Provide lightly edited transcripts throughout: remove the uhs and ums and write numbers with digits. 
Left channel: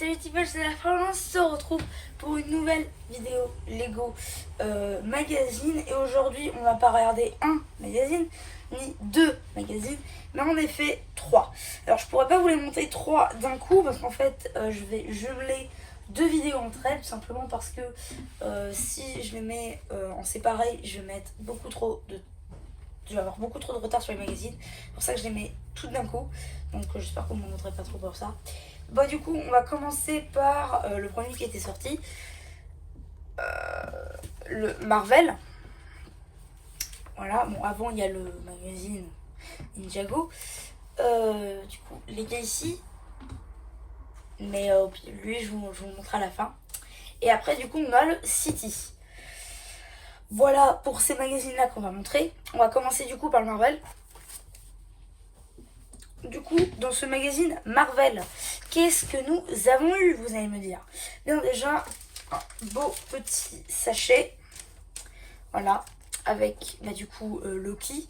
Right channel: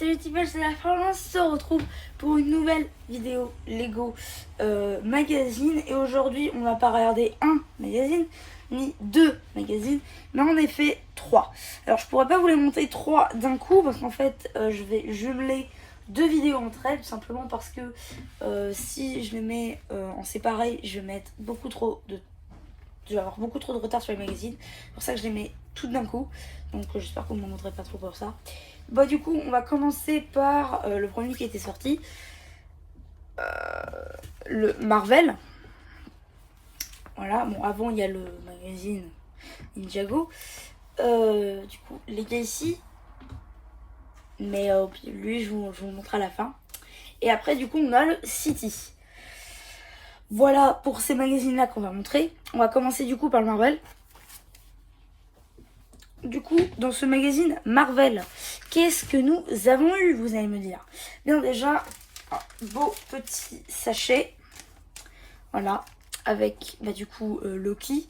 Salut Tipel, c'est la France, on se retrouve pour une nouvelle vidéo Lego magazine. Et aujourd'hui, on va pas regarder un magazine, ni deux magazines, mais en effet trois. Alors je pourrais pas vous les monter trois d'un coup, parce qu'en fait, je vais jumeler deux vidéos entre elles, tout simplement parce que si je les mets en séparé, je vais mettre beaucoup trop de... Je vais avoir beaucoup trop de retard sur les magazines. C'est pour ça que je les mets toutes d'un coup. Donc j'espère qu'on ne me montrerait pas trop pour ça. Bah du coup on va commencer par le premier qui était sorti. Le Marvel. Voilà, bon avant il y a le magazine Ninjago. Du coup les gars ici. Mais lui je vous le montre à la fin. Et après du coup on a le City. Voilà pour ces magazines là qu'on va montrer. On va commencer du coup par le Marvel. Du coup, dans ce magazine Marvel, qu'est-ce que nous avons eu, vous allez me dire? Bien déjà, un beau petit sachet. Voilà, avec du coup Loki.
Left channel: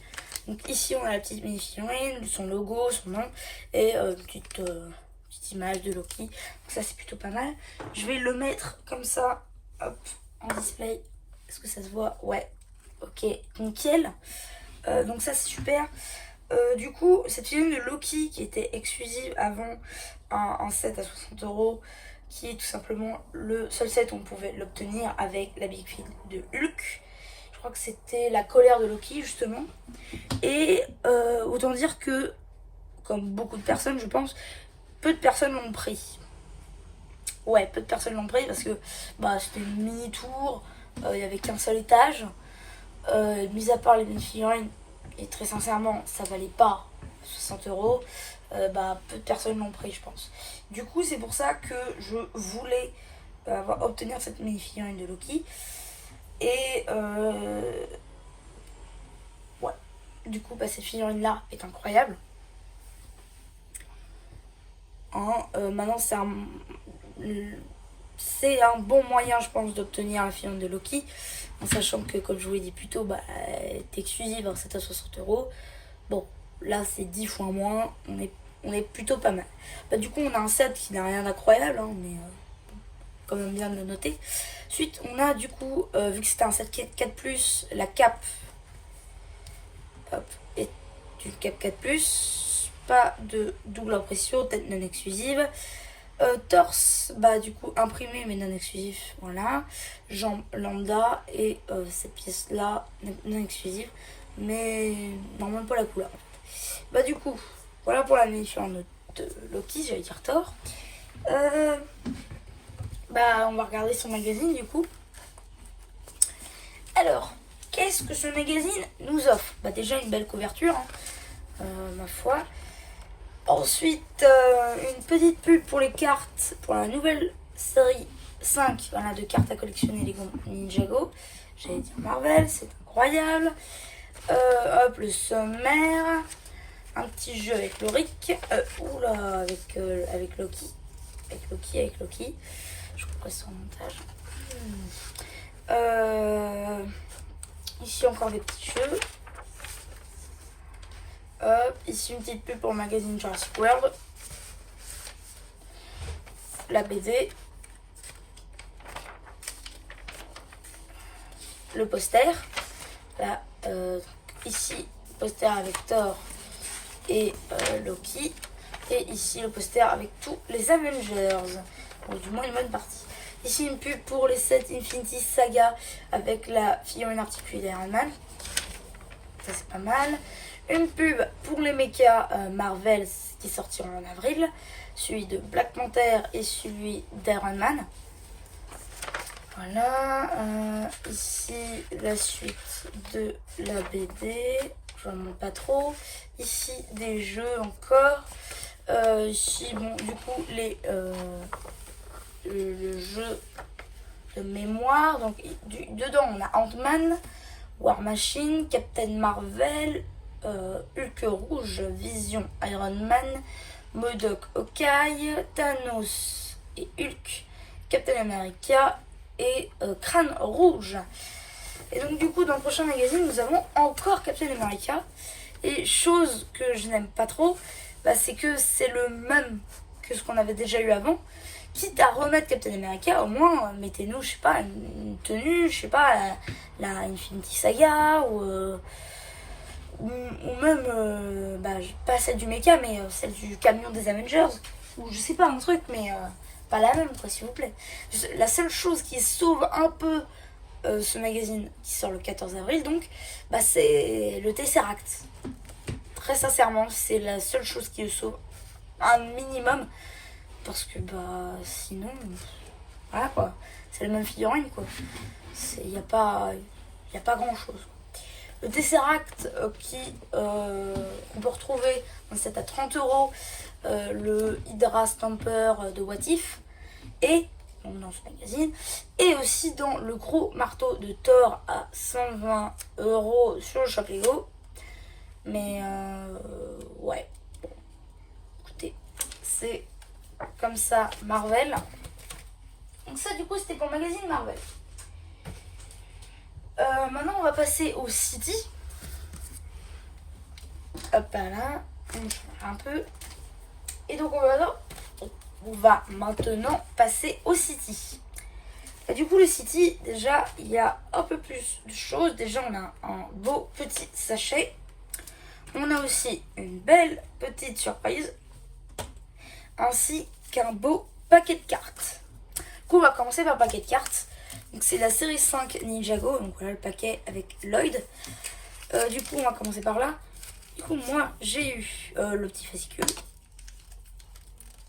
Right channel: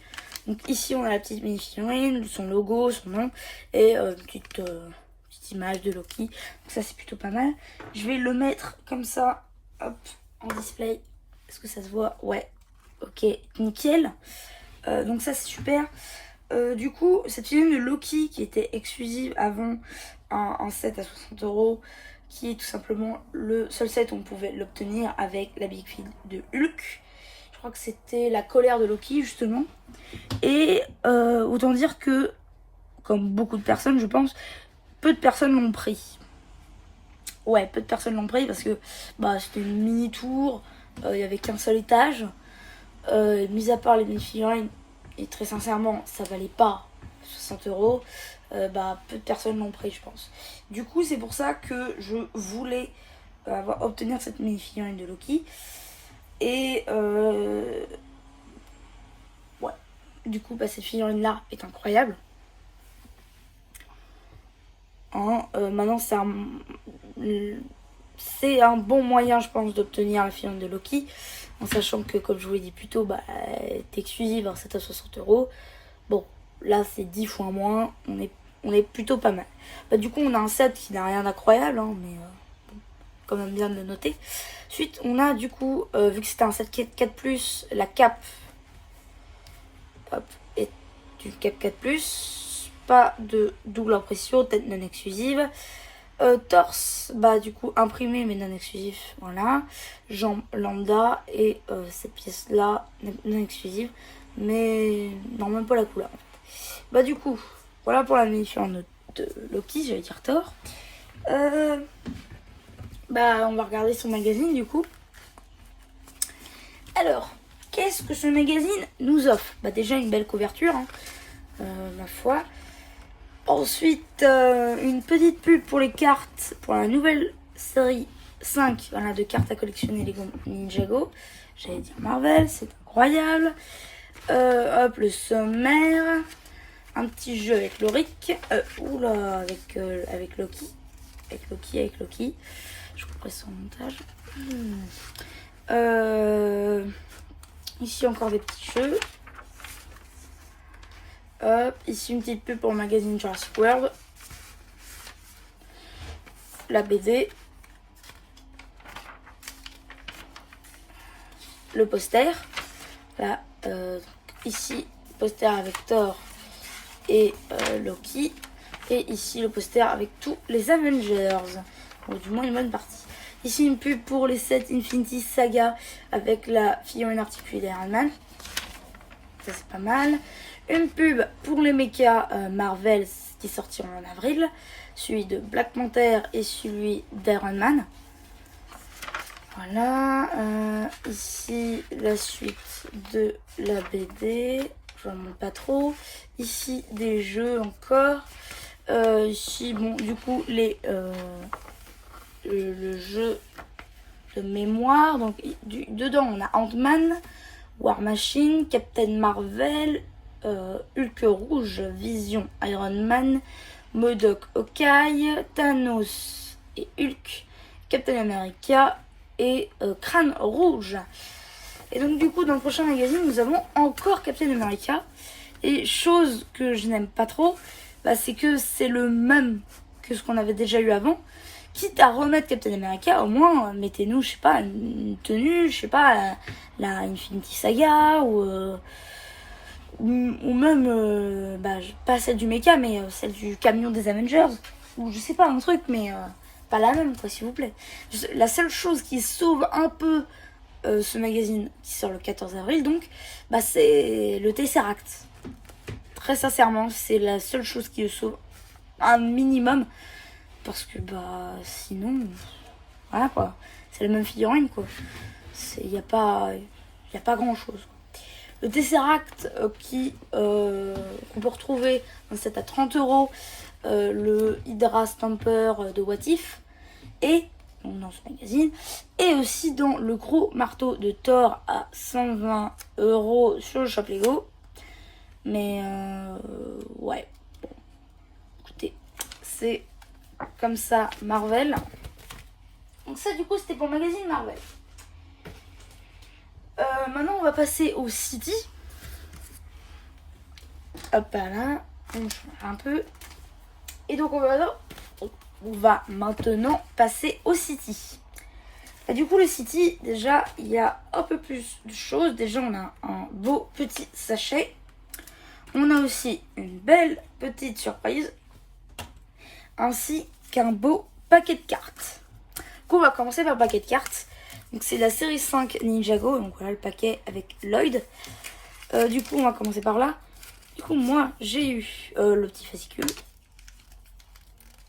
Donc ici on a la petite mini-figurine, son logo, son nom et une petite image de Loki. Donc ça c'est plutôt pas mal. Je vais le mettre comme ça, hop, en display. Est-ce que ça se voit? Ouais, ok, nickel. Donc ça c'est super. Du coup, cette figurine de Loki qui était exclusive avant un set à 60 €, qui est tout simplement le seul set où on pouvait l'obtenir avec la Big Fig de Hulk. Je crois que c'était la colère de Loki justement. Et autant dire que, comme beaucoup de personnes je pense, peu de personnes l'ont pris. Ouais, peu de personnes l'ont pris parce que c'était une mini tour, il n'y avait qu'un seul étage. Mis à part les mini-figurines, et très sincèrement ça valait pas 60 €, peu de personnes l'ont pris je pense. Du coup c'est pour ça que je voulais obtenir cette mini-figurine de Loki. Et ouais, du coup cette figurine là est incroyable. Maintenant c'est un bon moyen je pense d'obtenir la figurine de Loki, en sachant que comme je vous l'ai dit plus tôt, elle est exclusive, hein, c'est à 60 €. Bon là c'est 10 fois moins, on est plutôt pas mal. Du coup on a un set qui n'a rien d'incroyable, hein, mais quand même bien de le noter. Ensuite on a du coup, vu que c'était un set 4+, la cape est une cape 4+, pas de double impression, tête non exclusive. Torse, du coup imprimé mais non exclusif, voilà. Jambes lambda et cette pièce là non exclusive, mais non même pas la couleur. Du coup voilà pour la mini-figurine de Loki, j'allais dire Thor. On va regarder son magazine du coup. Alors qu'est-ce que ce magazine nous offre? Déjà une belle couverture, hein, ma foi. Ensuite, une petite pub pour les cartes, pour la nouvelle série 5 de cartes à collectionner Lego Ninjago. J'allais dire Marvel, c'est incroyable. Hop, le sommaire. Un petit jeu avec Loric. Avec Loki. Avec Loki. Je compresse son montage. Ici, encore des petits jeux. Ici une petite pub pour le magazine Jurassic World, la BD, le poster, là, ici poster avec Thor et Loki, et ici le poster avec tous les Avengers, donc du moins une bonne partie. Ici une pub pour les 7 Infinity Saga avec la figurine articulée d'Iron Man, ça c'est pas mal. Une pub pour les mechas Marvel qui sortiront en avril, celui de Black Panther et celui d'Iron Man. Voilà, ici la suite de la BD, je ne montre pas trop. Ici des jeux encore. Ici, du coup, le jeu de mémoire. Donc, dedans, on a Ant-Man, War Machine, Captain Marvel, Hulk rouge, Vision, Iron Man, MODOK, Hawkeye, Thanos et Hulk, Captain America et Crâne rouge. Et donc du coup dans le prochain magazine nous avons encore Captain America. Et chose que je n'aime pas trop, c'est que c'est le même que ce qu'on avait déjà eu avant, quitte à remettre Captain America, au moins mettez-nous, je sais pas, une tenue, je sais pas, la Infinity Saga ou même, pas celle du mecha, mais celle du camion des Avengers, ou je sais pas, un truc, mais pas la même, quoi, s'il vous plaît. La seule chose qui sauve un peu ce magazine, qui sort le 14 avril, donc, c'est le Tesseract. Très sincèrement, c'est la seule chose qui le sauve un minimum, parce que, sinon, voilà, quoi. C'est la même figurine, quoi. Il n'y a pas grand-chose. Le Tesseract qu'on peut retrouver dans cette à 30 euros, le Hydra Stamper de What If, et dans ce magazine, et aussi dans le gros marteau de Thor à 120 euros sur le shop Lego. Mais ouais, bon, écoutez, c'est comme ça Marvel. Donc ça du coup c'était pour le magazine Marvel. Maintenant on va passer au City. Hop là, on change un peu. Et donc on va maintenant passer au City. Et du coup le City, déjà il y a un peu plus de choses. Déjà on a un beau petit sachet. On a aussi une belle petite surprise. Ainsi qu'un beau paquet de cartes. Du coup on va commencer par le paquet de cartes. Donc c'est la série 5 Ninjago. Donc voilà le paquet avec Lloyd. Du coup on va commencer par là. Du coup moi j'ai eu le petit fascicule.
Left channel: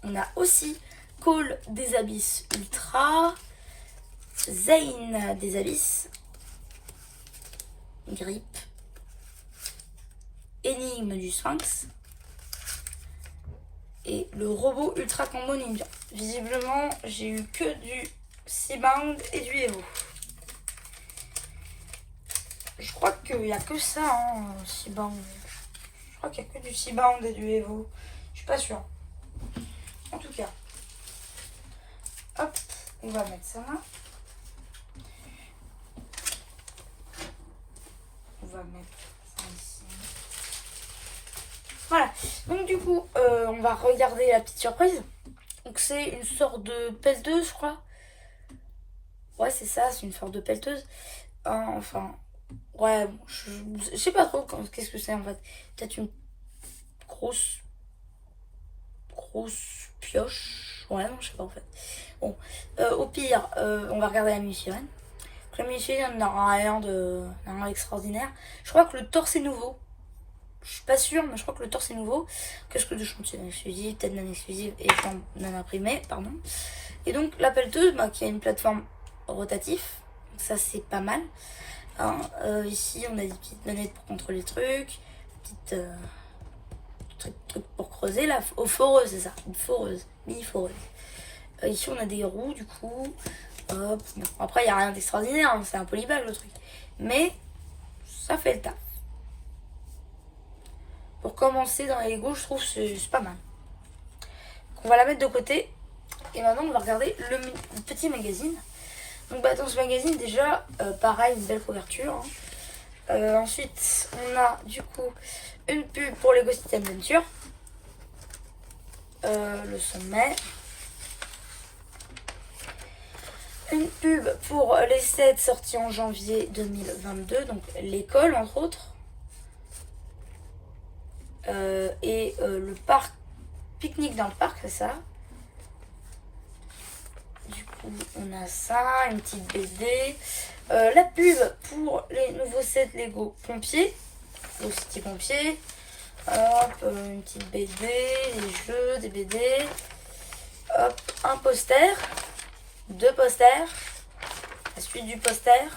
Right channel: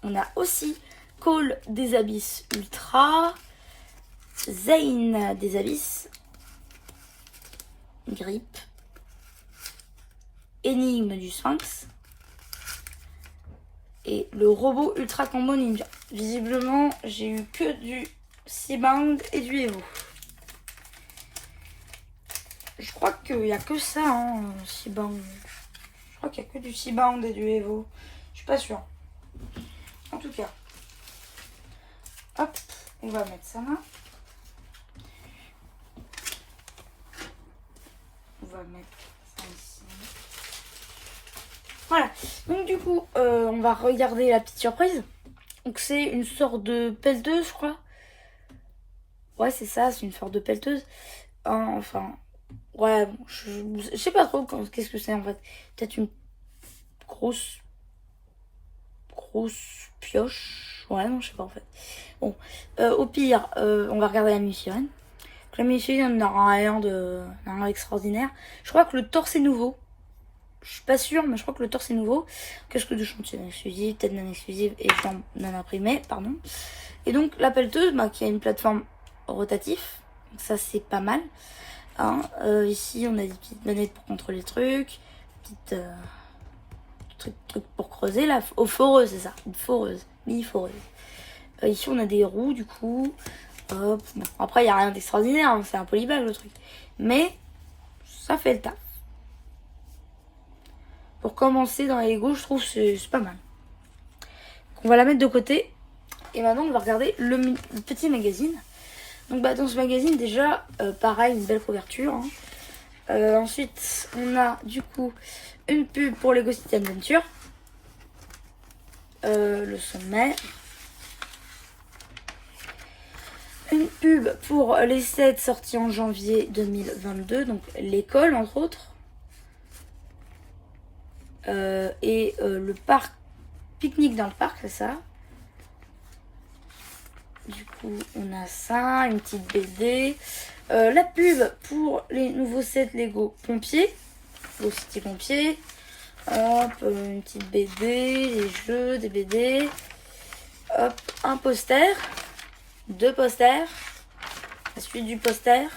On a aussi Call des Abysses Ultra, Zane des Abysses, Grip, Énigme du Sphinx et le robot Ultra Combo Ninja. Visiblement j'ai eu que du Seabound et du Evo. Je crois qu'il n'y a que ça, Seabound. Je crois qu'il n'y a que du Seabound et du Evo. Je suis pas sûre. En tout cas, hop, on va mettre ça là. On va mettre ça ici. Voilà, donc du coup, on va regarder la petite surprise. Donc c'est une sorte de pelleteuse, je crois. Ouais, c'est ça, c'est une sorte de pelleteuse. Enfin, ouais, bon, je sais pas trop qu'est-ce que c'est en fait. Peut-être une grosse pioche. Ouais, non, je sais pas en fait. Bon, au pire, on va regarder la mini-sirène. La mini-sirène n'aura rien d'extraordinaire. Je crois que le torse est nouveau. Je suis pas sûre, mais je crois que le torse est nouveau. Casque de chantier non exclusive, tête non exclusive et jambes non imprimées, pardon. Et donc la pelleteuse, qui a une plateforme rotative. Donc ça c'est pas mal. Ici on a des petites manettes pour contrôler les trucs. Petites trucs pour creuser là. Oh, foreuse, c'est ça. Une foreuse. Mini foreuse. Ici on a des roues du coup. Bon. Après il n'y a rien d'extraordinaire, c'est un polybag le truc. Mais ça fait le taf. Pour commencer dans les Lego, je trouve que c'est pas mal. Donc, on va la mettre de côté. Et maintenant on va regarder le petit magazine. Donc dans ce magazine déjà, pareil, une belle couverture. Ensuite on a du coup une pub pour Lego City Adventure. Le sommet. Une pub pour les sets sortis en janvier 2022, donc l'école entre autres. Et le parc, pique-nique dans le parc, c'est ça. Du coup, on a ça, une petite BD. La pub pour les nouveaux sets Lego pompiers. Lego City pompiers. Hop, une petite BD, des jeux, des BD. Hop, un poster. 2 posters. La suite du poster.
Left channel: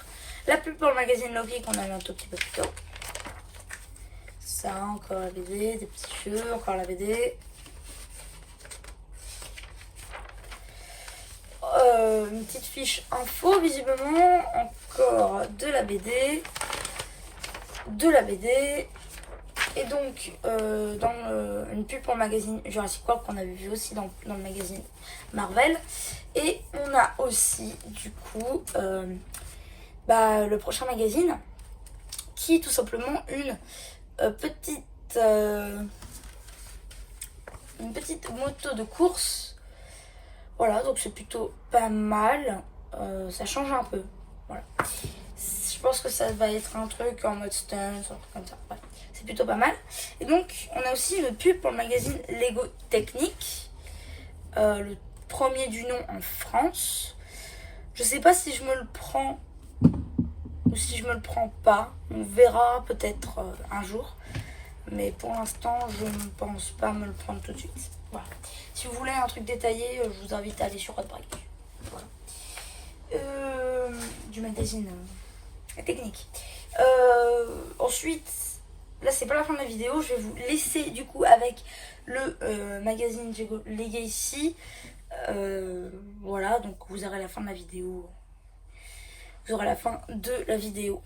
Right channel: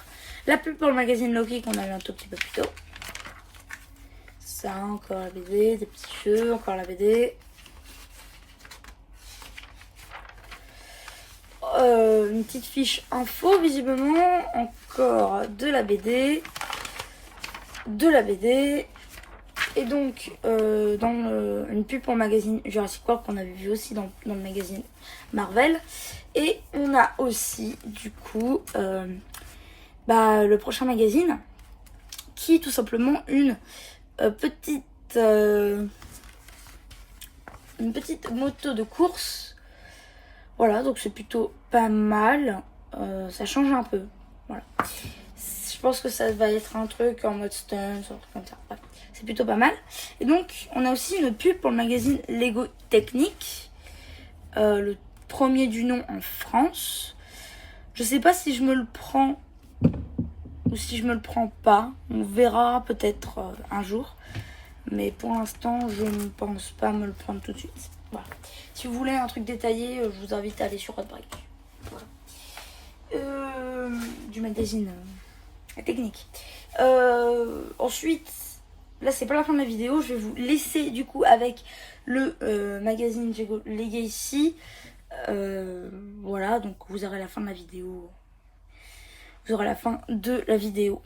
La pub pour le magazine Loki qu'on a eu un tout petit peu plus tôt. Ça, encore la BD, des petits jeux, encore la BD. Une petite fiche info visiblement. Encore de la BD. De la BD. Et donc, une pub pour le magazine Jurassic World qu'on avait vu aussi dans le magazine Marvel. Et on a aussi, du coup, le prochain magazine qui est tout simplement une petite moto de course Voilà, donc c'est plutôt pas mal. Ça change un peu. Voilà. Je pense que ça va être un truc en mode stunt, un truc comme ça. Bref, c'est plutôt pas mal. Et donc, on a aussi une pub pour le magazine Lego Technique. Le premier du nom en France. Je sais pas si je me le prends ou si je me le prends pas. On verra peut-être un jour. Mais pour l'instant, je ne pense pas me le prendre tout de suite. Voilà. Si vous voulez un truc détaillé, je vous invite à aller sur Hotbreak. Voilà. Du magazine technique. Ensuite, là c'est pas la fin de la vidéo. Je vais vous laisser du coup avec le magazine Legacy. Voilà, donc vous aurez la fin de la vidéo. Vous aurez la fin de la vidéo.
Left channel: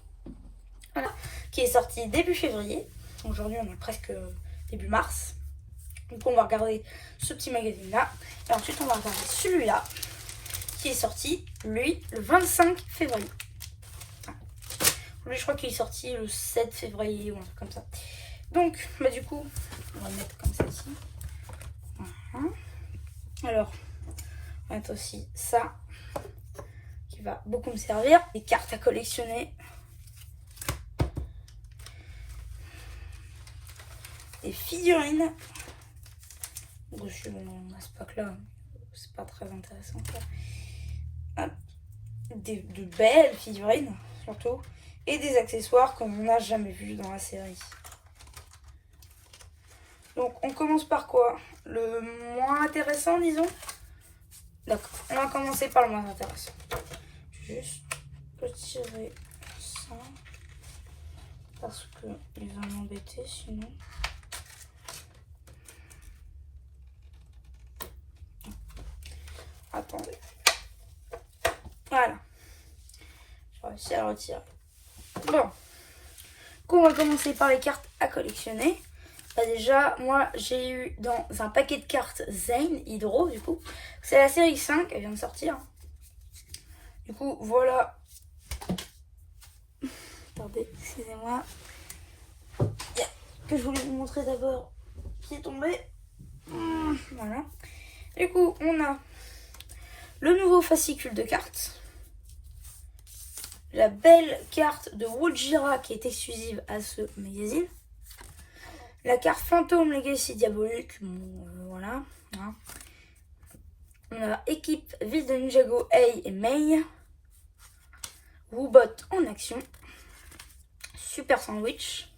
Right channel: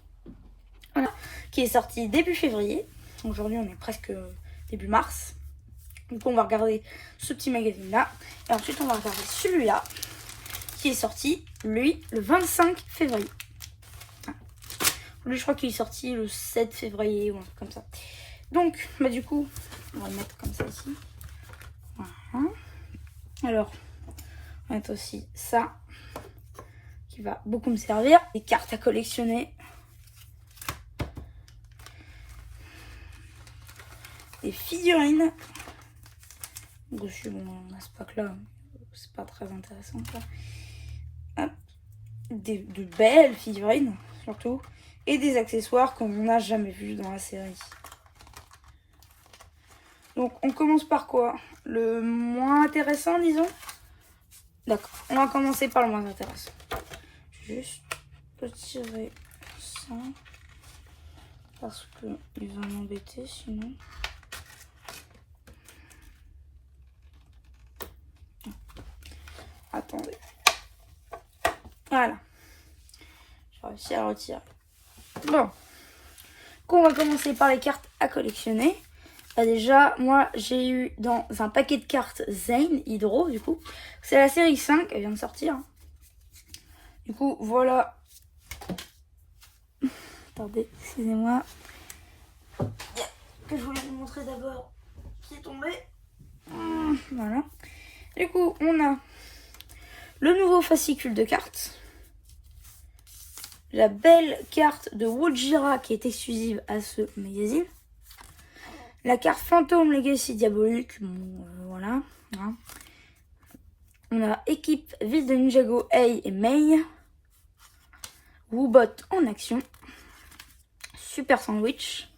Voilà, qui est sorti début février. Aujourd'hui on est presque début mars. Donc on va regarder ce petit magazine là. Et ensuite on va regarder celui-là qui est sorti lui le 25 février. Lui je crois qu'il est sorti le 7 février ou un truc comme ça. Donc bah du coup on va le mettre comme ça ici. Voilà. Alors on va mettre aussi ça qui va beaucoup me servir. Des cartes à collectionner. Des figurines. Dessus, bon, à ce pack-là, c'est pas très intéressant. Hop. De belles figurines, surtout. Et des accessoires qu'on n'a jamais vus dans la série. Donc, on commence par quoi? Le moins intéressant, disons. D'accord, on va commencer par le moins intéressant. Juste retirer ça. Parce qu'ils vont m'embêter sinon. Attendez. Voilà. J'ai réussi à le retirer. Bon. Donc, on va commencer par les cartes à collectionner. Bah déjà, moi, j'ai eu dans un paquet de cartes Zane Hydro, du coup. C'est la série 5, elle vient de sortir. Du coup, voilà. Attendez, excusez-moi. Que je voulais vous montrer d'abord qui est tombé. Voilà. Du coup, on a le nouveau fascicule de cartes. La belle carte de Wojira qui est exclusive à ce magazine. La carte Fantôme Legacy Diabolique. Bon, voilà. Hein. On a équipe Ville de Ninjago A et Mei. Woobot en action. Super Sandwich.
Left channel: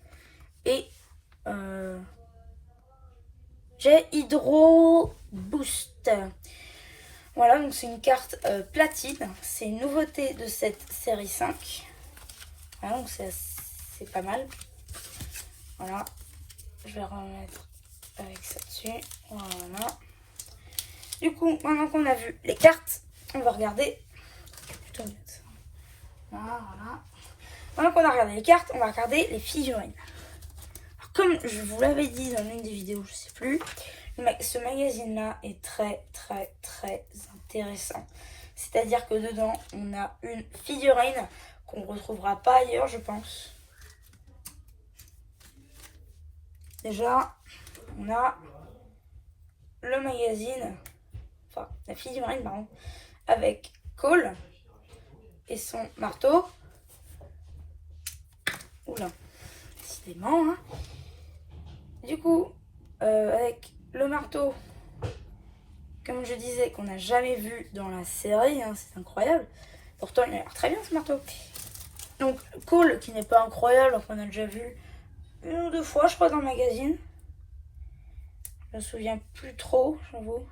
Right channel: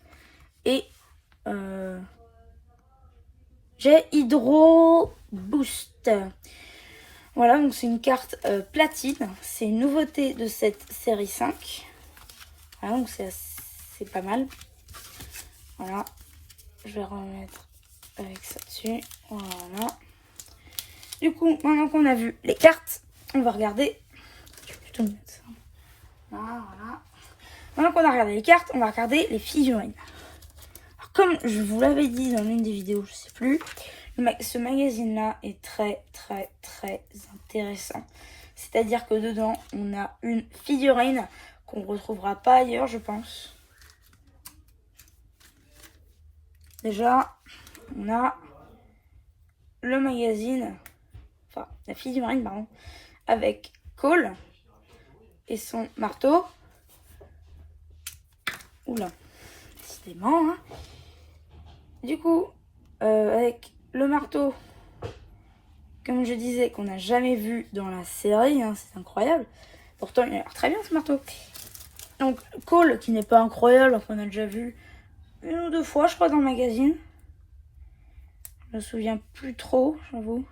Et j'ai Hydro Boost. Voilà, donc c'est une carte platine. C'est une nouveauté de cette série 5. Voilà, donc c'est pas mal. Voilà. Je vais remettre avec ça dessus. Voilà. Du coup, maintenant qu'on a vu les cartes, on va regarder. Je vais plutôt mettre ça. Voilà. Maintenant qu'on a regardé les cartes, on va regarder les figurines. Alors, comme je vous l'avais dit dans l'une des vidéos, je sais plus, mais ce magazine-là est très intéressant. C'est-à-dire que dedans, on a une figurine qu'on ne retrouvera pas ailleurs, je pense. Déjà, on a le magazine, enfin la figurine, pardon, avec Cole et son marteau. Oula, décidément. Hein. Du coup, avec le marteau, comme je disais, qu'on n'a jamais vu dans la série, hein, c'est incroyable. Pourtant, il a l'air très bien ce marteau. Donc, Cole, qui n'est pas incroyable, qu'on a déjà vu une ou deux fois, je crois, dans le magazine. Je me souviens plus trop, j'avoue.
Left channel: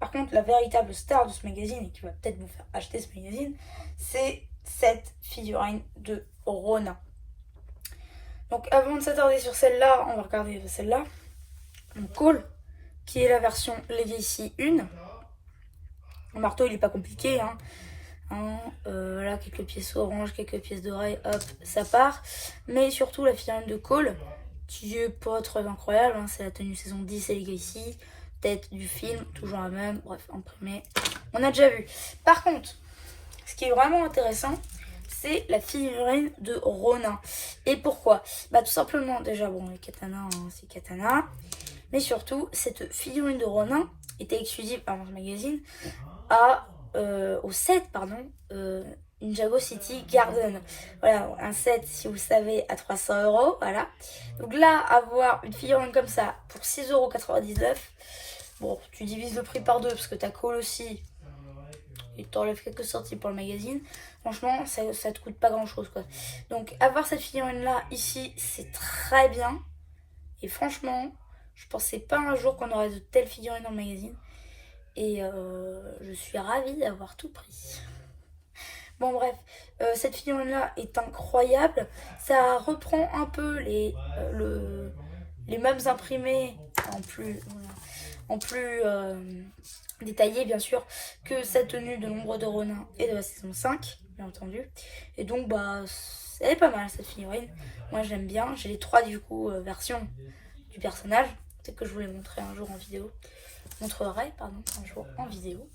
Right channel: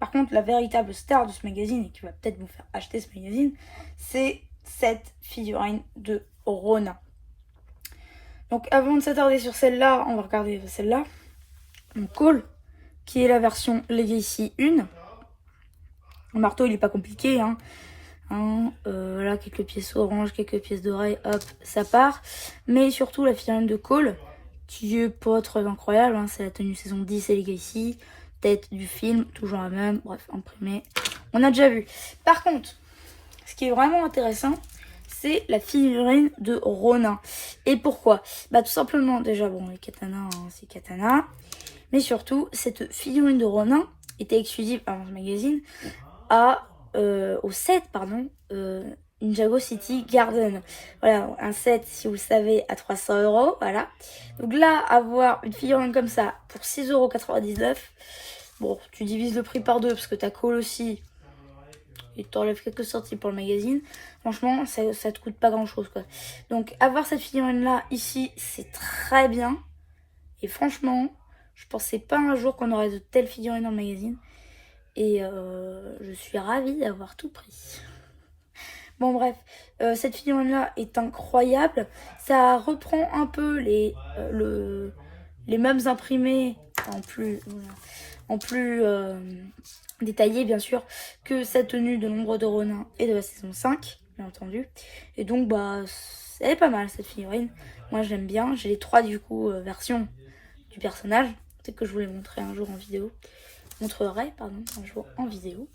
Par contre, la véritable star de ce magazine, et qui va peut-être vous faire acheter ce magazine, c'est cette figurine de Ronin. Donc, avant de s'attarder sur celle-là, on va regarder celle-là. Cole, qui est la version Legacy 1. Le marteau, il n'est pas compliqué, hein. Voilà, quelques pièces orange, quelques pièces d'oreille, hop, ça part. Mais surtout la figurine de Cole, qui est pas très incroyable, hein, c'est la tenue saison 10 et Legacy, tête du film, toujours la même, bref, imprimé, on a déjà vu. Par contre, ce qui est vraiment intéressant, c'est la figurine de Ronin. Et pourquoi? Bah tout simplement, déjà, bon, les katanas, hein, c'est katana, mais surtout, cette figurine de Ronin, était exclusive à mon magazine au set, pardon, Ninjago City Garden. Voilà, un set, si vous savez, à 300 €. Voilà. Donc là, avoir une figurine comme ça pour 6,99 €, bon, tu divises le prix par deux parce que t'as Cole aussi. Et t'enlèves quelques sorties pour le magazine. Franchement, ça te coûte pas grand chose, quoi. Donc, avoir cette figurine là, ici, c'est très bien. Et franchement, je pensais pas un jour qu'on aurait de telles figurines dans le magazine. Et je suis ravie d'avoir tout pris. Bon bref, cette figurine-là est incroyable. Ça reprend un peu les mêmes imprimés en plus détaillé bien sûr que sa tenue de l'ombre de Ronin et de la saison 5, bien entendu. Et donc bah elle est pas mal cette figurine. Moi j'aime bien. J'ai les 3 du coup versions du personnage. Peut-être que je vous les montrerai un jour en vidéo. Montrerai pardon un jour en vidéo.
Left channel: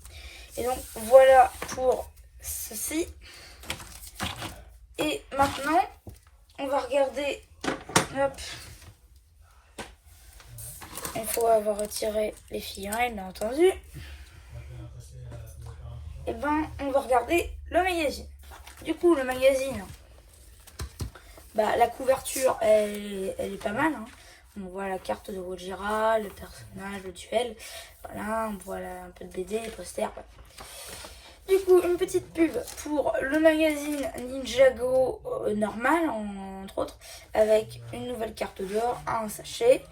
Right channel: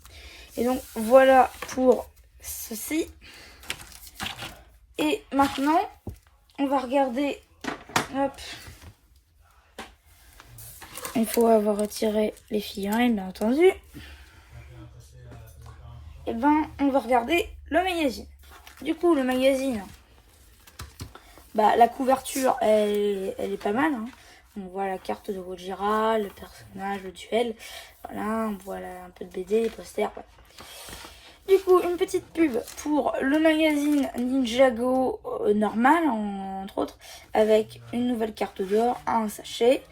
Et donc voilà pour ceci. Et maintenant on va regarder. Hop. Il faut avoir retiré les figurines bien entendu. Et ben on va regarder le magazine. Du coup le magazine, bah la couverture elle est pas mal, hein. On voit la carte de Gojira, le personnage, le duel. Voilà, on voit un peu de BD, posters. Du coup, une petite pub pour le magazine Ninjago normal, entre autres, avec une nouvelle carte d'or, un sachet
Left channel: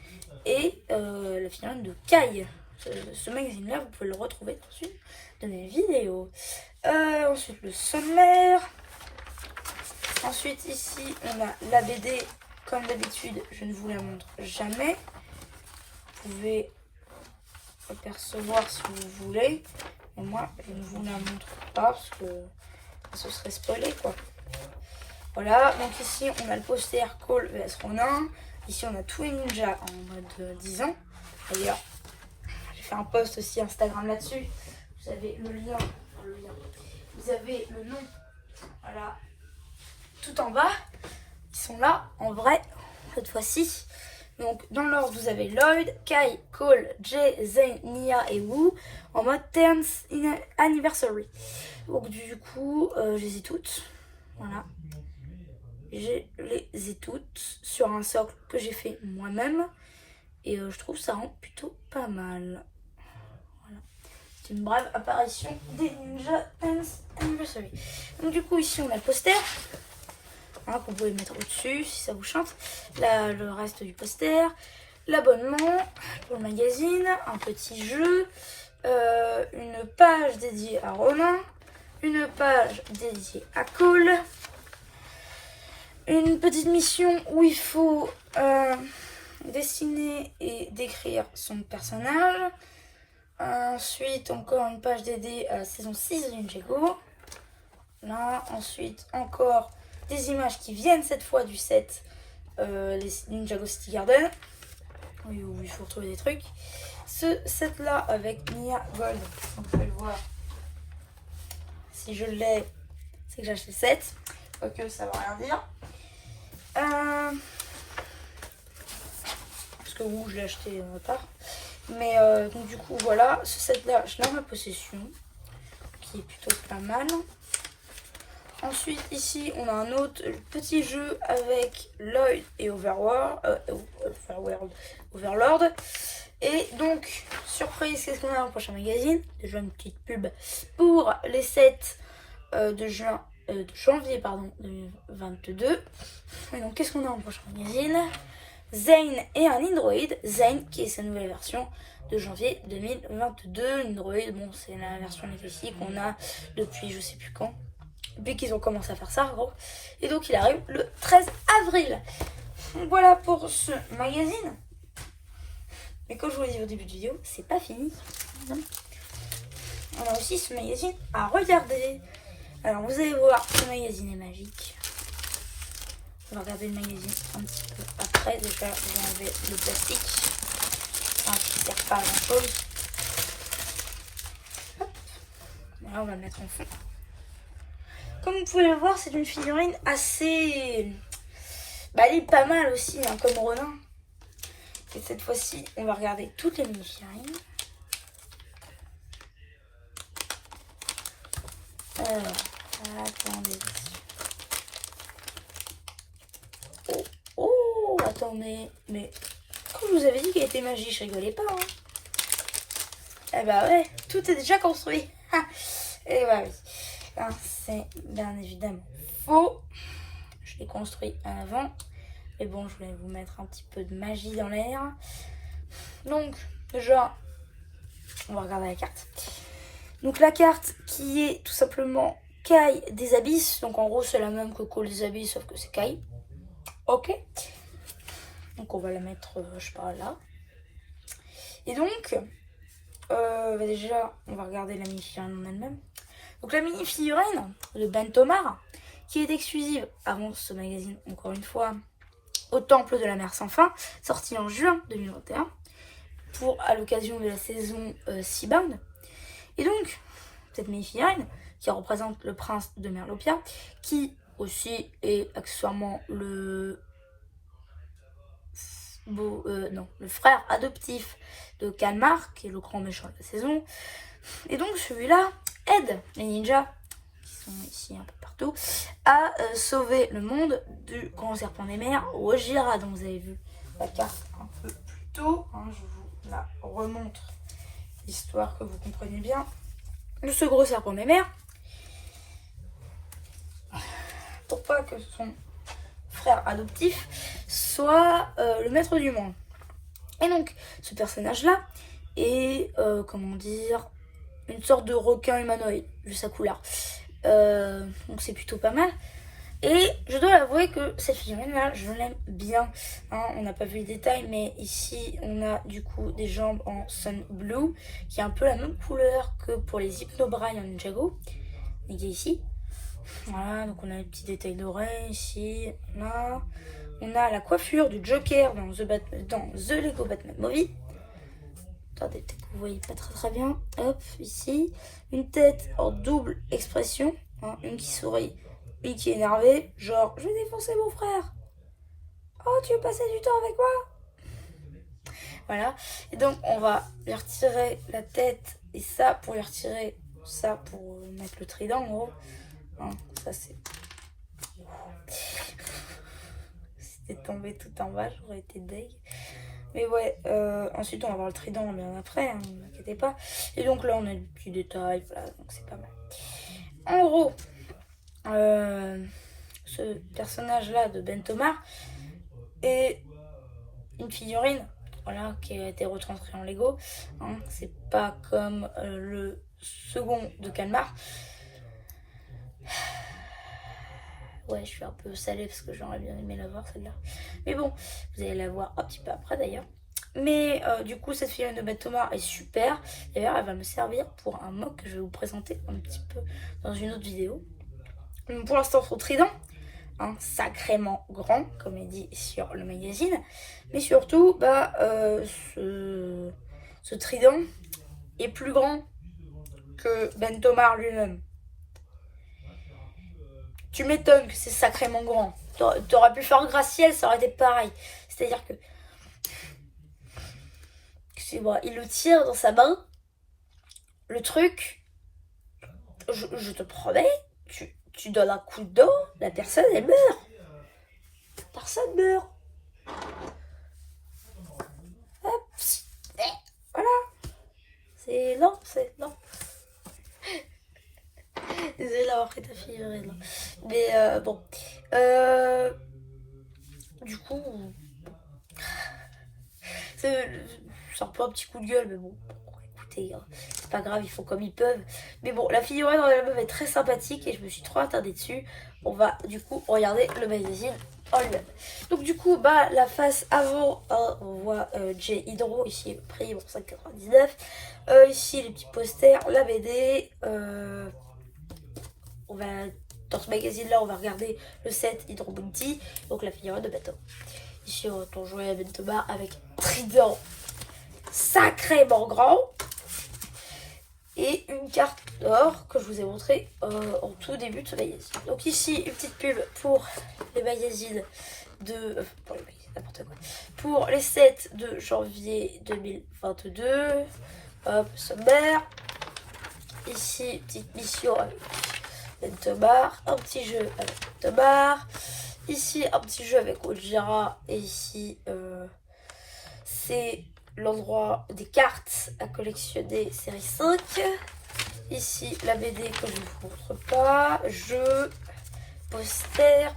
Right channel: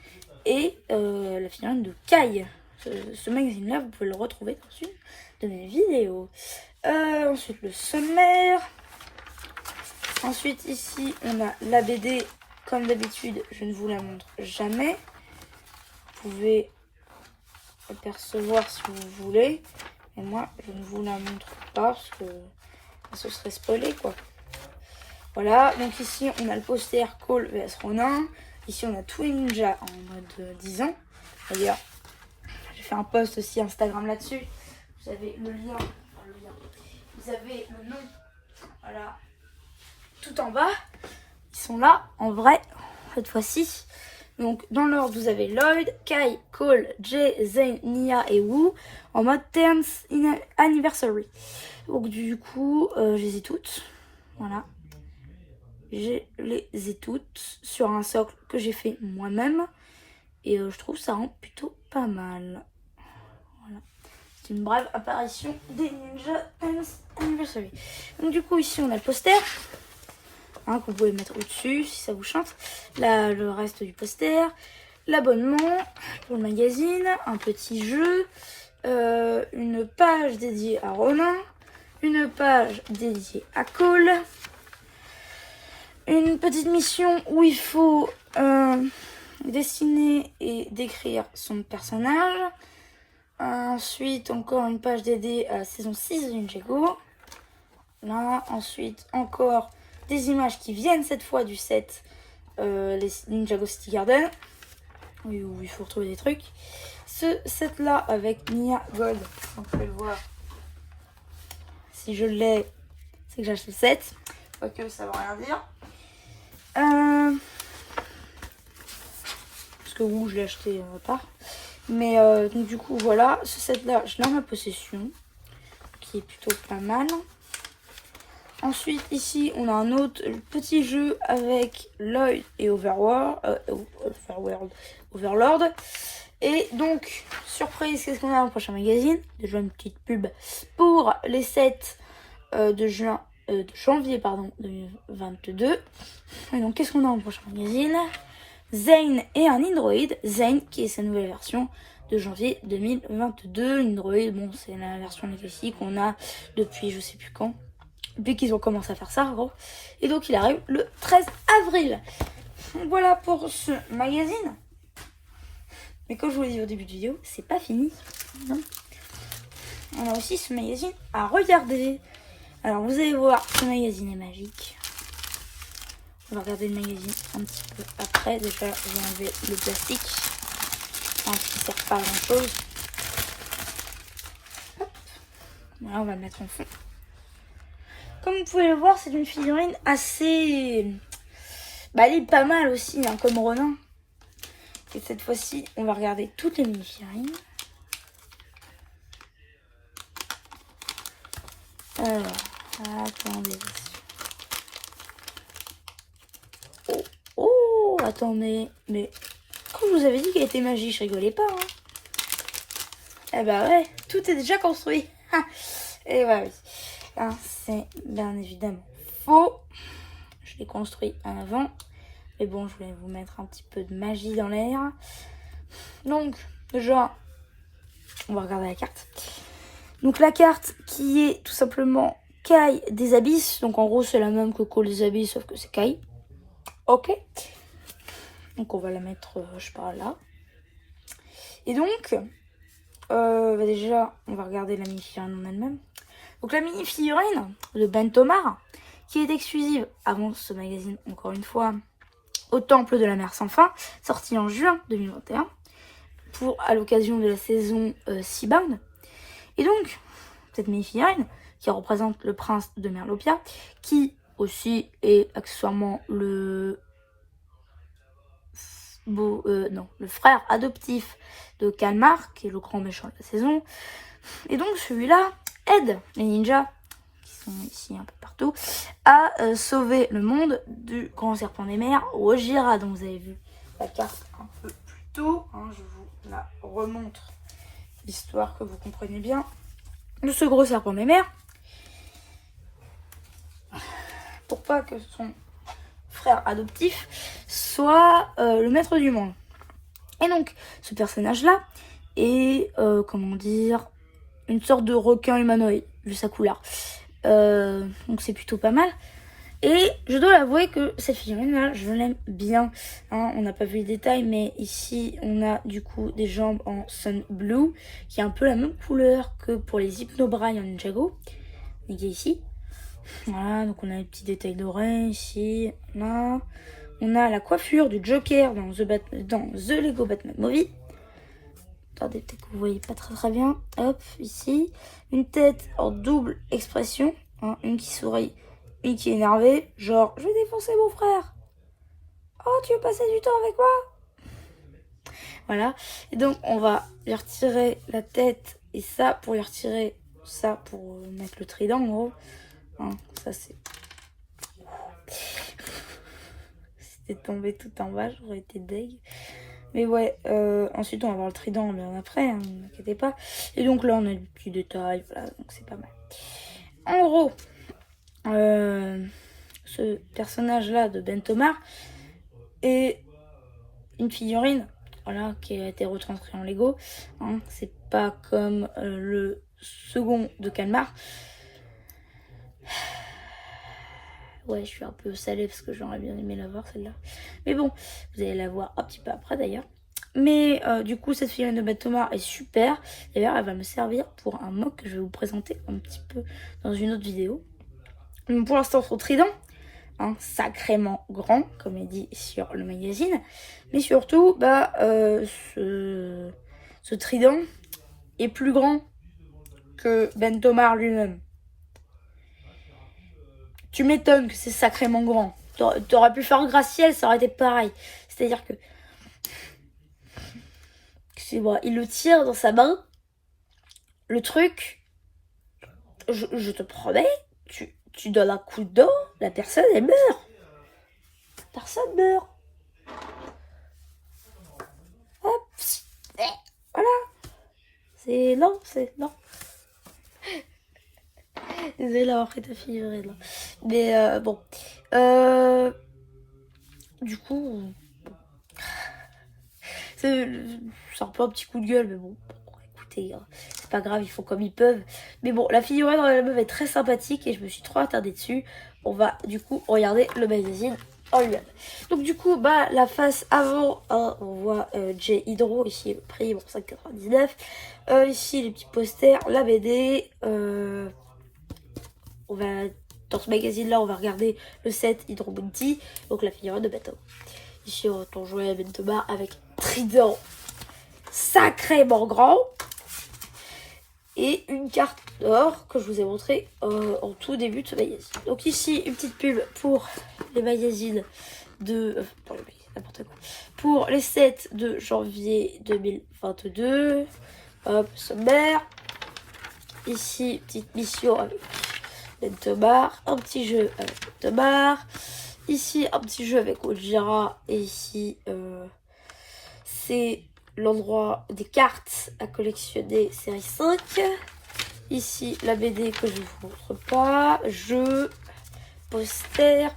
et la figurine de Kai. Ce magazine-là, vous pouvez le retrouver dans une de mes vidéos. Ensuite, le sommaire. Ensuite, ici, on a la BD. Comme d'habitude, je ne vous la montre jamais. Vous pouvez apercevoir si vous voulez. Et moi, je ne vous la montre pas parce que ce serait spoilé, quoi. Voilà, donc ici, on a le poster Cole vs Ronin. Ici, on a tous les ninjas en mode 10 ans. D'ailleurs, j'ai fait un post aussi Instagram là-dessus. Vous avez le lien. Vous avez le nom. Voilà. Tout en bas. Ils sont là, en vrai, cette fois-ci. Donc, dans l'ordre, vous avez Lloyd, Kai, Cole, Jay, Zane, Nia et Wu en mode 10th Anniversary. Donc, du coup, je les ai toutes. Voilà. Je les ai toutes sur un socle que j'ai fait moi-même. Et je trouve ça rend plutôt pas mal. Voilà. C'est une brève apparition des Ninja 10th Anniversary. Donc, du coup, ici, on a le poster. Hein, que vous pouvez mettre au-dessus si ça vous chante. Là, le reste du poster. L'abonnement pour le magazine. Un petit jeu. Une page dédiée à Ronin. Une page dédiée à Cole. Une petite mission où il faut dessiner et décrire son personnage. Ensuite, encore une page dédiée à la saison 6 de Ninjago. Là, ensuite, encore des images qui viennent cette fois du set les Ninjago City Garden, où il faut retrouver des trucs. Ce set là avec Nia Gold, vous pouvez le voir. Si je l'ai, c'est que j'ai acheté le set. Quoique ça veut rien dire. Parce que je l'ai acheté à part. Mais donc du coup voilà, ce set là, je l'ai en ma possession, qui est plutôt pas mal. Ensuite, ici, on a un autre petit jeu avec Lloyd et Overlord. Et donc, surprise, qu'est-ce qu'on a dans le prochain magazine? Déjà une petite pub pour les sets de janvier 2022. Et donc, qu'est-ce qu'on a dans le prochain magazine? Zane et un Android. Zane, qui est sa nouvelle version de janvier 2022. Android, bon, c'est la version Legacy qu'on a depuis je sais plus quand. Depuis qu'ils ont commencé à faire ça, en gros. Et donc, il arrive le 13 avril. Voilà pour ce magazine. Mais comme je vous l'ai dit au début de vidéo, c'est pas fini. On a aussi ce magazine à regarder. Alors, vous allez voir, ce magazine est magique. On va regarder le magazine un petit peu après. Déjà, vous avez le plastique. Enfin, qui ne sert pas à grand chose. Voilà, on va le mettre en fond. Comme vous pouvez le voir, c'est une figurine assez... Bah, elle est pas mal aussi, hein, comme Ronin. Et cette fois-ci, on va regarder toutes les mini-figurines. Alors, attendez. Oh, attendez. Mais quand je vous avais dit qu'elle était magique, je rigolais pas. Hein. Eh bah ouais, tout est déjà construit. Et bah oui. Hein, c'est bien évidemment faux. Je l'ai construit avant. Mais bon, je voulais vous mettre un petit peu de magie dans l'air. Donc, déjà, on va regarder la carte. Donc la carte qui est tout simplement Kai des Abysses. Donc en gros, c'est la même que Call des Abysses, sauf que c'est Kai. Ok. Donc on va la mettre, je sais pas, là. Et donc, déjà, on va regarder la mini-figurine en elle-même. Donc la mini-figurine de Ben Tomar, qui est exclusive avant ce magazine, encore une fois, au Temple de la Mer Sans Fin, sorti en juin 2021, à l'occasion de la saison Seabound. Et donc, cette mini-figurine, qui représente le prince de Merlopia, qui aussi est accessoirement le frère adoptif de Kalmar, qui est le grand méchant de la saison. Et donc celui-là aide les ninjas, qui sont ici un peu partout, à sauver le monde du grand serpent des mers, Ojira, dont vous avez vu la carte un peu plus tôt. Hein, je vous la remontre, histoire que vous compreniez bien. De ce gros serpent des mers, pour pas que son frère adoptif soit le maître du monde. Et donc, ce personnage-là est, comment dire, une sorte de requin humanoïde, vu sa couleur. Donc c'est plutôt pas mal. Et je dois avouer que cette figurine-là, je l'aime bien. Hein, on n'a pas vu les détails, mais ici, on a du coup des jambes en Sun Blue, qui est un peu la même couleur que pour les Hypnobrain en Ninjago. Et qui est ici. Voilà, donc on a les petits détails d'oreilles ici. Là. On a la coiffure du Joker dans The Lego Batman Movie. Attendez, peut-être que vous voyez pas très bien. Hop, ici. Une tête en double expression. Hein, une qui sourit, une qui est énervée. Genre, je vais défoncer mon frère. Oh, tu veux passer du temps avec moi? Voilà. Et donc, on va lui retirer la tête et ça pour lui retirer ça pour mettre le trident en gros. Hein, ça c'est... C'était tombé tout en bas, j'aurais été deg. Mais ouais, ensuite on va voir le trident bien après, hein, ne vous inquiétez pas. Et donc là on a des petits détails, voilà, donc c'est pas mal. En gros, ce personnage-là de Ben Tomar est une figurine, voilà, qui a été retranscrite en Lego. Hein, c'est pas comme le second de Kalmar. Ouais, je suis un peu salée parce que j'aurais bien aimé la voir celle-là. Mais bon, vous allez la voir un petit peu après d'ailleurs. Mais du coup, cette figurine de Ben Tomar est super. D'ailleurs, elle va me servir pour un mock que je vais vous présenter un petit peu dans une autre vidéo. Donc, pour l'instant, son trident, hein, sacrément grand, comme il dit sur le magazine. Mais surtout, bah, ce trident est plus grand que Ben Tomar lui-même. Tu m'étonnes que c'est sacrément grand. T'aurais pu faire Graciel, ça aurait été pareil. C'est-à-dire que... Excusez-moi, il le tire dans sa main. Le truc... Je te promets, tu donnes un coup de dent, la personne, elle meurt. Personne meurt. Hop. Voilà. C'est... Non, c'est... Non. Désolée d'avoir pris ta fille. Mais bon. Du coup, c'est un peu un petit coup de gueule, mais bon, écoutez, c'est pas grave, ils font comme ils peuvent. Mais bon, la figurine dans la meuf est très sympathique et je me suis trop attardée dessus. On va du coup regarder le magazine en lui-même. Donc du coup, bah la face avant, hein, on voit J Hydro, ici le prix pour 5,99. Ici les petits posters, la BD. On va, dans ce magazine-là, on va regarder le set Hydro Bounty, donc la figurine de Ben Tomar. Ici, on va jouer à Ben Tomar avec trident sacrément grand et une carte d'or que je vous ai montré en tout début de ce magazine. Donc ici, une petite pub pour les magazines de... pour les sets de janvier 2022. Hop, sommaire. Ici, petite mission avec Lentomar, un petit jeu avec Lentomar. Ici, un petit jeu avec Ojira. Et ici, c'est l'endroit des cartes à collectionner série 5. Ici, la BD que je ne vous montre pas. Jeu, poster,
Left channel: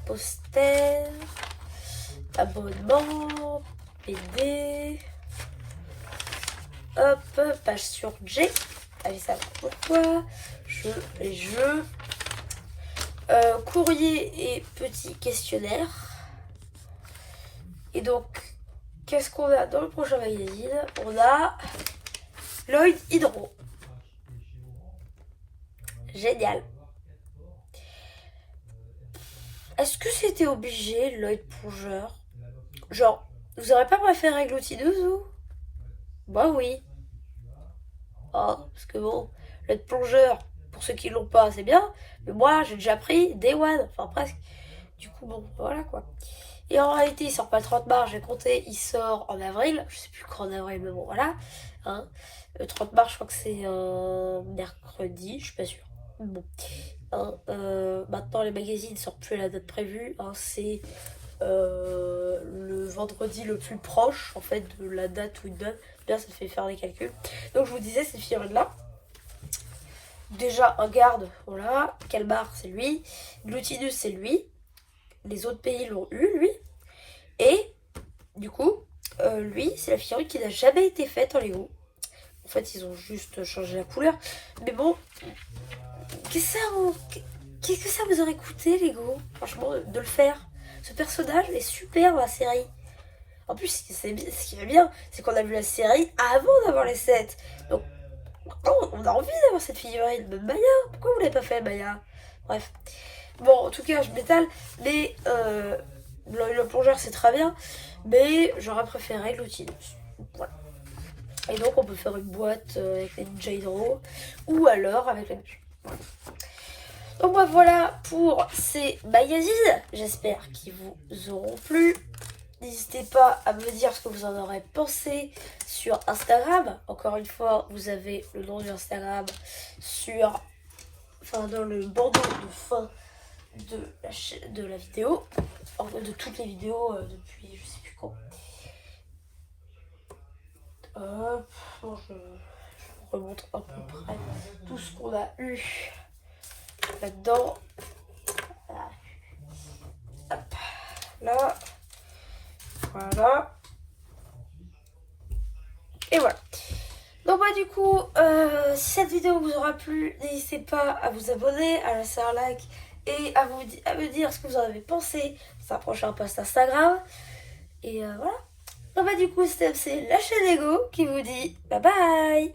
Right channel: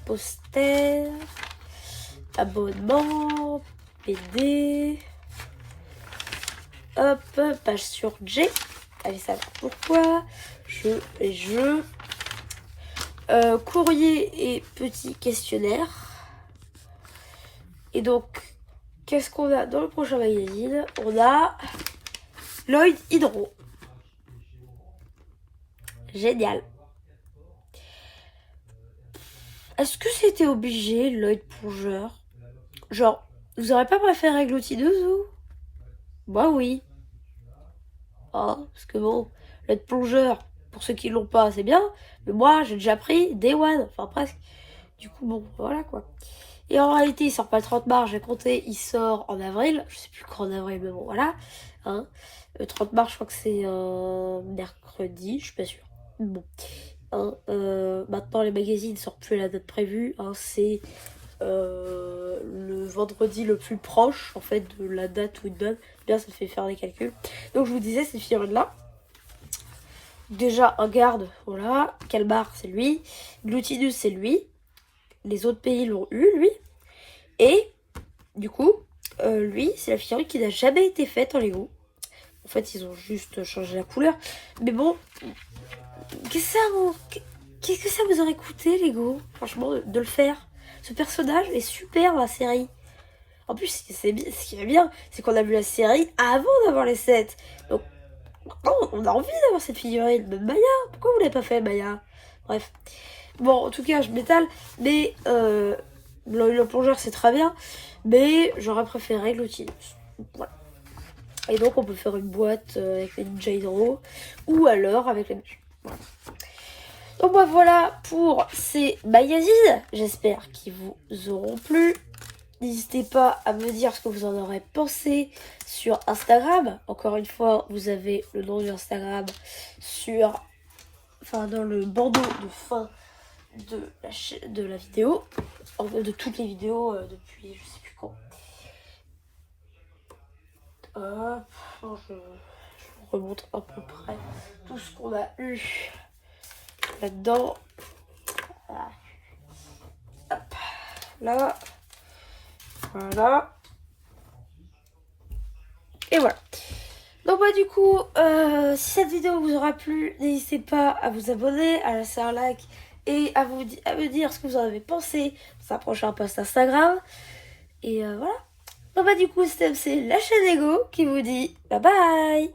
abonnement, BD. Hop, page sur J. Allez, ça va pourquoi. Jeux et jeux. Courrier et petit questionnaire. Et donc, qu'est-ce qu'on a dans le prochain magazine? On a Lloyd Hydro. Génial. Est-ce que c'était obligé, Lloyd Plongeur? Genre, vous aurez pas préféré Gloutineuse, vous? Moi, oui. Oh, parce que bon, Lloyd Plongeur, pour ceux qui l'ont pas, c'est bien. Mais moi, j'ai déjà pris Day One, enfin presque. Du coup, bon, voilà quoi. Et en réalité, il sort pas le 30 mars, j'ai compté, il sort en avril. Je sais plus quand en avril, mais bon, voilà. Hein. Le 30 mars, je crois que c'est mercredi, je suis pas sûre. Bon. Hein, maintenant, les magazines sortent plus à la date prévue. Hein, c'est le vendredi le plus proche, en fait, de la date où ils donnent. Bien, ça fait faire des calculs. Donc, je vous disais, cette figurine-là. Déjà, un garde, voilà. Calmar, c'est lui. Glutinus, c'est lui. Les autres pays l'ont eu, lui. Et, du coup, lui, c'est la figurine qui n'a jamais été faite en Lego. En fait, ils ont juste changé la couleur. Mais bon, qu'est-ce que ça vous aurait coûté, Lego, franchement, de le faire? Ce personnage est super dans la série. En plus, ce qui est bien, c'est qu'on a vu la série avant d'avoir les sets. Donc, on a envie d'avoir cette figurine. Même Maya, pourquoi vous l'avez pas fait, Maya? Bref. Bon, en tout cas, je m'étale. Mais le plongeur, c'est très bien. Mais j'aurais préféré Glutinus. Voilà. Et donc, on peut faire une boîte avec les Ninja Hydro. Ou alors avec les menus. Voilà. Donc, bah, voilà pour ces magazines. J'espère qu'ils vous auront plu. N'hésitez pas à me dire ce que vous en aurez pensé sur Instagram. Encore une fois, vous avez le nom de Instagram dans le bandeau de fin de la vidéo. De toutes les vidéos depuis je sais plus quand. Non, je vous remontre à peu près tout ce qu'on a eu là-dedans. Hop, là. Voilà. Et voilà. Donc bah du coup, si cette vidéo vous aura plu, n'hésitez pas à vous abonner, à laisser un like et à me dire ce que vous en avez pensé sur un prochain post Instagram. Et voilà. Donc bah du coup, c'est la chaîne Lego qui vous dit bye bye.